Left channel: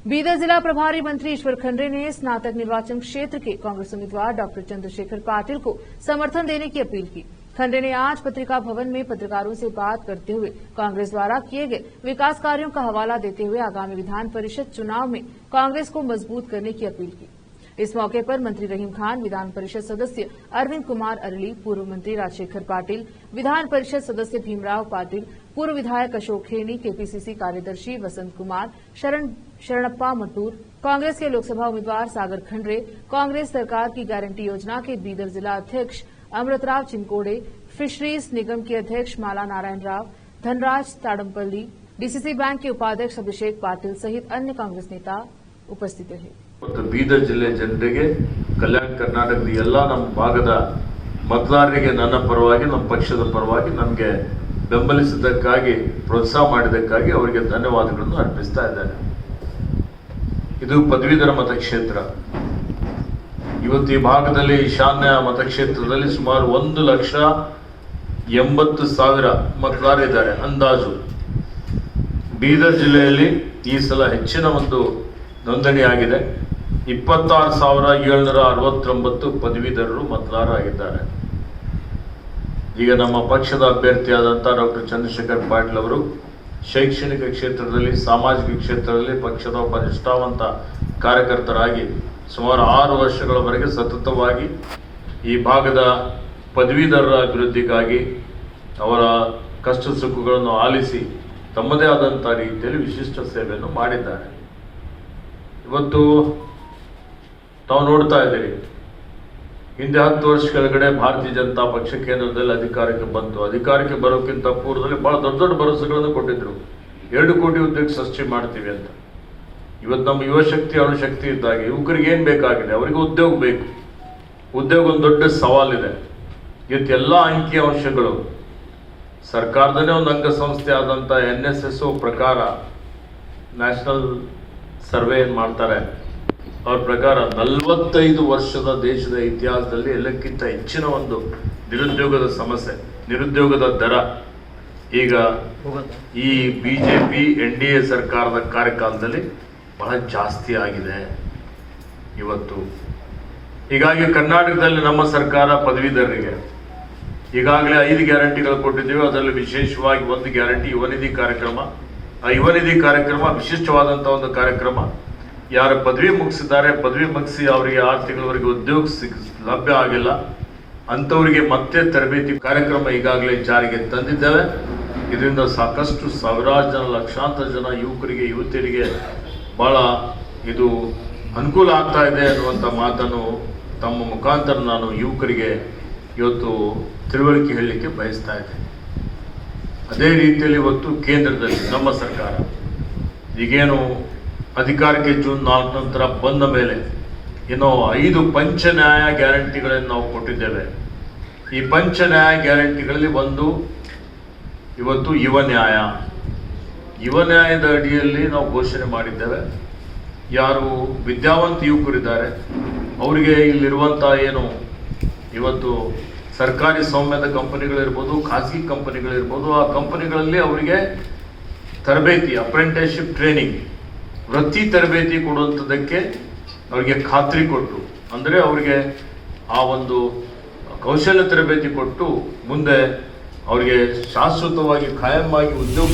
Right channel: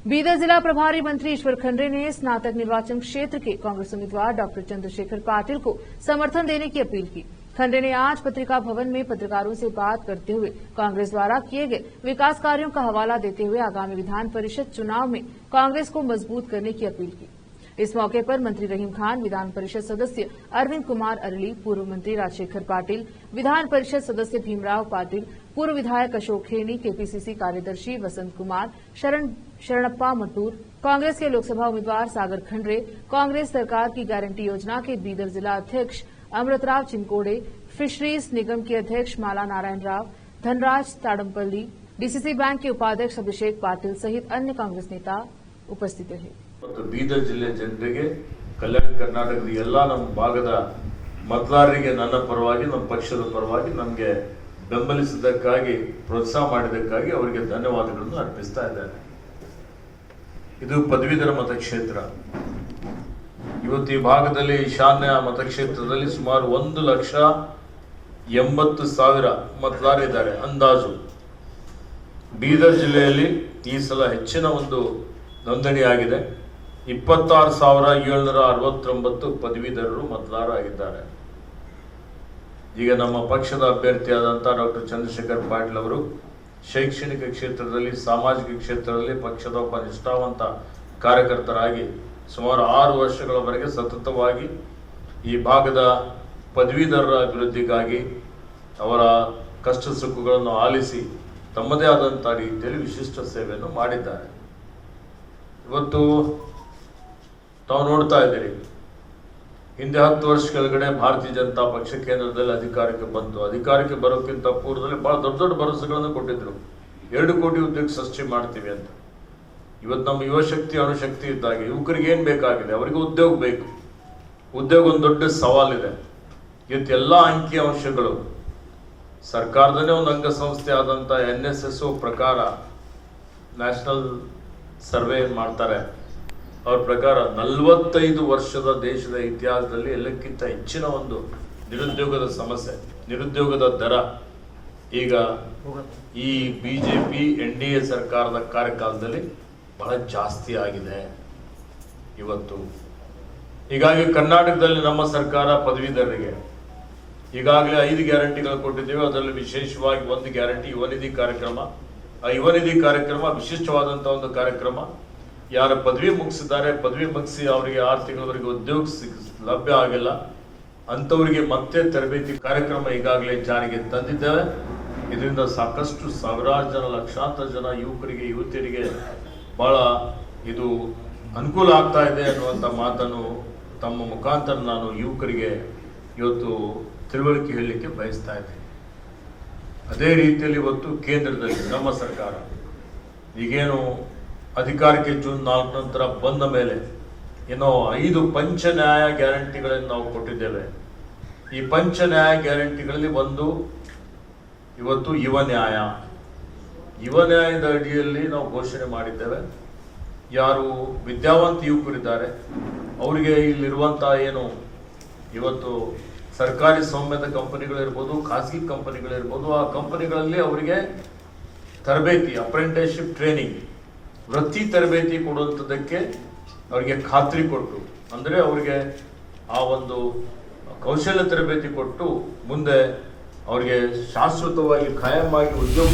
बीदर जिला प्रभारी मंत्री ईश्वर खंडरे ने स्नातक निर्वाचन क्षेत्र के कांग्रेस उम्मीदवार डॉक्टर चंद्रशेखर पाटिल को समर्थन देने की अपील की। खंडरे ने आज पत्रिका भवन में पत्रकारों से बात करते हुए कांग्रेस द्वारा किए गए विकास कार्यों का हवाला देते हुए आगामी विधान परिषद चुनाव में कांग्रेस को मजबूत करने की अपील की। इस मौके पर मंत्री रहीम खान, विधान परिषद सदस्य अरविंद कुमार अरली, पूर्व मंत्री राजशेखर पाटिल, विधान परिषद सदस्य भीमराव पाटिल, पूर्व विधायक अशोक खेनी, केपीसीसी कार्यदर्शी वसंत कुमार, शरणप्पा मटूर, कांग्रेस के लोकसभा उम्मीदवार सागर खंडरे, कांग्रेस सरकार की गारंटी योजना के बीदर जिला अध्यक्ष अमृतराव चिनकोड़े, फिशरीज निगम के अध्यक्ष माला नारायण राव, धनराज ताडमपल्ली, डीसीसी बैंक के उपाध्यक्ष अभिषेक पाटिल सहित अन्य कांग्रेस नेता उपस्थित रहे। ಮತ್ತು ಬೀದರ್ ಜಿಲ್ಲೆ ಜನರಿಗೆ ಕಲ್ಯಾಣ ಕರ್ನಾಟಕದ ಎಲ್ಲ ನಮ್ಮ ಭಾಗದ ಮತದಾರರಿಗೆ ನನ್ನ ಪರವಾಗಿ ನಮ್ಮ ಪಕ್ಷದ ಪರವಾಗಿ ನನಗೆ ಬೆಂಬಲಿಸಿದ್ದಕ್ಕಾಗಿ ಪ್ರೋತ್ಸಾಹ ಮಾಡಿದ್ದಕ್ಕಾಗಿ ಅವರಿಗೆ ಧನ್ಯವಾದಗಳನ್ನು ಅರ್ಪಿಸ್ತಾ ಇದ್ದೇನೆ। ಇದು ಪದವೀಧರ ಮತಕ್ಷೇತ್ರ। ಇವತ್ತು ಈ ಭಾಗದಲ್ಲಿ ಈಶಾನ್ಯ ಮತಕ್ಷೇತ್ರದಲ್ಲಿ ಸುಮಾರು 1,80,000 ಮತದಾರರಿದ್ದಾರೆ ಅಂದಾಜು। ಬೀದರ್ ಜಿಲ್ಲೆಯಲ್ಲಿ ಈ ಸಲ ಹೆಚ್ಚಿನ ಒಂದು ನೋಂದಣಿ ಆಗಿದೆ। 26,769 ಪದವೀಧರರು ಮತದಾರರಾಗಿದ್ದಾರೆ। ಈಗ ನಮ್ಮ ಪಕ್ಷದ ಅಭ್ಯರ್ಥಿಯಾದಂಥ ಡಾಕ್ಟರ್ ಚಂದ್ರಶೇಖರ್ ಪಾಟೀಲ್ ಅವರು ಶೈಕ್ಷಣಿಕ ಕ್ಷೇತ್ರದಲ್ಲಿ, ಸಾಮಾಜಿಕ ಕ್ಷೇತ್ರದಲ್ಲಿ ಪಕ್ಷದ ಒಬ್ಬ ನಿಷ್ಠಾವಂತ ಕಾರ್ಯಕರ್ತರಾಗಿ ಸುಮಾರು 6 ವರ್ಷಗಳವರೆಗೆ ಸತತವಾಗಿ ಈ ಭಾಗದ ಪದವೀಧರರ ಅಭಿವೃದ್ಧಿಗಾಗಿ ಅವರ ಕಷ್ಟ ಸುಖಗಳನ್ನು ಆಲಿಸಿ ತಮ್ಮದೇ ಆದಂಥ ರೀತಿಯಲ್ಲಿ ವಿಶಿಷ್ಟ ಸೇವೆಯನ್ನು ಮಾಡಿದ್ದಾರೆ। ಇವತ್ತು ತಾವು ನೋಡ್ತಾ ಇದ್ದೀರಿ, ಹಿಂದೆ 10 ವರ್ಷ ಕೆಳಗಡೆ ಭಾರತೀಯ ಜನತಾ ಪಕ್ಷ ಕೇಂದ್ರದಲ್ಲಿ ಅಧಿಕಾರಕ್ಕೆ ಬಂತು। ಅಧಿಕಾರಕ್ಕೆ ಬರೋಕ್ಕಿಂತ ಪೂರ್ವದಲ್ಲಿ ಬಹಳ ದೊಡ್ಡ ದೊಡ್ಡ ಭರವಸೆಗಳನ್ನು ಕೊಟ್ಟಿದ್ರು, 2 ಕೋಟಿ ಉದ್ಯೋಗ ಸೃಷ್ಟಿ ಮಾಡ್ತೀವಿ ಅಂತ। ಇವತ್ತು ನಮ್ಮ ಯುವಶಕ್ತಿ ಅಣುಶಕ್ತಿ ಇದ್ದಾಗ ಯುವಕರಿಗೆ ಏನು ಬೇಕಾಗಿದೆ, ಅವರಿಗೆ ಉದ್ಯೋಗ ಬೇಕು। ಉದ್ಯೋಗ ಒಂದು ದೊಡ್ಡ ಸವಾಲಿದೆ। ಇವತ್ತು ಎಲ್ಲ ಅಂಕಿ ಅಂಶಗಳು ಸರ್ಕಾರದಲ್ಲೇ ಒಂದು ಅಂಗಸಂಸ್ಥೆ ಆದಂಥ NSS ಪ್ರಕಾರ ನ್ಯಾಷನಲ್ ಸರ್ವೆ ಏನು ಮಾಡ್ತಾರೆ, ಅವ್ರ ಪ್ರಕಾರ 45 ವರ್ಷದ ದೇಶದ ಇತಿಹಾಸದಲ್ಲಿ ಎಲ್ಲಕ್ಕಿಂತ ಹೆಚ್ಚಿನ ಒಂದು ನಿರುದ್ಯೋಗದ ಸಮಸ್ಯೆ, ನಿರುದ್ಯೋಗದ ದರ ಈಗ ಈ ಬಿಜೆಪಿ NDA ಸರ್ಕಾರದ ಕಾರ್ಯಕಾಲದಲ್ಲಿ ಬಹಳ ಜಾಸ್ತಿ ಆಗಿದೆ ಇವತ್ತು। ಹೀಗಾಗಿ ಕರ್ನಾಟಕದಲ್ಲಿ ನಮ್ಮ ಸರ್ಕಾರ ಪದವೀಧರರಿಗೆ ಈಗಾಗಲೇ 5 ಗ್ಯಾರಂಟಿಗಳು ಕೊಟ್ಟಿದ್ದೇವೆ। ಅದರಲ್ಲಿ ವಿಶೇಷವಾಗಿ ಒಂದು ಗ್ಯಾರಂಟಿ ಯುವ ನಿಧಿ ಕಾರ್ಯಕ್ರಮ। ಆ ಯುವ ನಿಧಿ ಕಾರ್ಯಕ್ರಮ ವಿಶಿಷ್ಟವಾದಂಥ ಒಂದು ಕಾರ್ಯಕ್ರಮ। ಯಾರು ಪದವಿ ಮುಗಿಸಿದ್ದಾರೆ, ಪದವಿ ಮುಗಿಸಿ ಅವರಿಗೆ 6 ತಿಂಗಳವರೆಗೆ ಉದ್ಯೋಗ ಲಭ್ಯ ಆಗಿಲ್ಲ ಅಂಥವರಿಗೆ ಮತ್ತೆ ತರಬೇತಿ ಕಾರ್ಯಕ್ರಮ ಈಗಾಗಲೇ ಜಾರಿಗೆ ತಂದಿದ್ದೇವೆ। ಇದರಿಂದ ಸಾಕಷ್ಟು ಸಾವಿರಾರು ಜನ, ಲಕ್ಷಾಂತರ ಜನ ಯುವಕರಿಗೆ, ಯುವತಿಯರಿಗೆ ಬಹಳ ಇದು ಅನುಕೂಲ ಆಗ್ತಾ ಇದೆ ಅನ್ನುವಂಥ ಮಾತನ್ನು ತಮ್ಮ ಮುಖಾಂತರ ನಾನು ಯುವಕರಿಗೆ ಇವತ್ತು ತಿಳುವಳಿಕೆ ಹೇಳಲಿಕ್ಕೆ ಬಯಸ್ತಾ ಇದ್ದೇನೆ। ಅದೇ ರೀತಿಯಲ್ಲಿ ಇವತ್ತು ಕೇಂದ್ರದಲ್ಲಿ ನಮ್ಮ ಸರ್ಕಾರ ಈಗೇನು ಅಧಿಕಾರಕ್ಕೆ ಜೂನ್ 4 ನಂತರ ಬಂದ ಮೇಲೆ ಇನ್ನು 5 ಪಂಚ ನ್ಯಾಯ ಗ್ಯಾರಂಟಿಗಳನ್ನು ನಾವು ಕೊಟ್ಟಿದ್ದೇವೆ। ಈ ಪಂಚ ನ್ಯಾಯ ಗ್ಯಾರಂಟಿಗಳಲ್ಲಿ ಒಂದು ಇವತ್ತು ಯುವ ನ್ಯಾಯ। ಯುವ ನ್ಯಾಯದ ಅಡಿಯಲ್ಲಿ ನಾವು ಘೋಷಣೆ ಮಾಡಿದ್ದೇವೆ, ಯಾರು ವಿದ್ಯಾವಂತ ಯುವಕರಿದ್ದಾರೆ ಅವರಿಗೆ ಇಲ್ಲಿರುವಂಥ ಏನು ಇವತ್ತು ಸರ್ಕಾರಿ ಸ್ವಾಮ್ಯದ ಕಂಪನಿಗಳಿರ್ಬೋದು, ಖಾಸಗಿ ಕಂಪನಿಗಳಿರ್ಬೋದು, ಆ ಕಂಪನಿಗಳಲ್ಲಿ ಅವರಿಗೆ ತರಬೇತಿ, ಅಪ್ರೆಂಟಿಸ್ಶಿಪ್ ಟ್ರೈನಿಂಗ್, ವೃತ್ತಿ ತರಬೇತಿ ಕೊಡುವಂಥದ್ದಕ್ಕೆ ಅವರಿಗೆ ಖಾತ್ರಿ ಕೊಟ್ಟು, ಅಂದರೆ ಅವರಿಗೆ ಆ ಒಂದು ಕೌಶಲ್ಯ ತರಬೇತಿ ಕೊಟ್ಟು ಮುಂದೆ ಅವರಿಗೆ ಶಾಶ್ವತವಾಗಿ, ಖಾಯಂ ಆಗಿ ಉದ್ಯೋಗ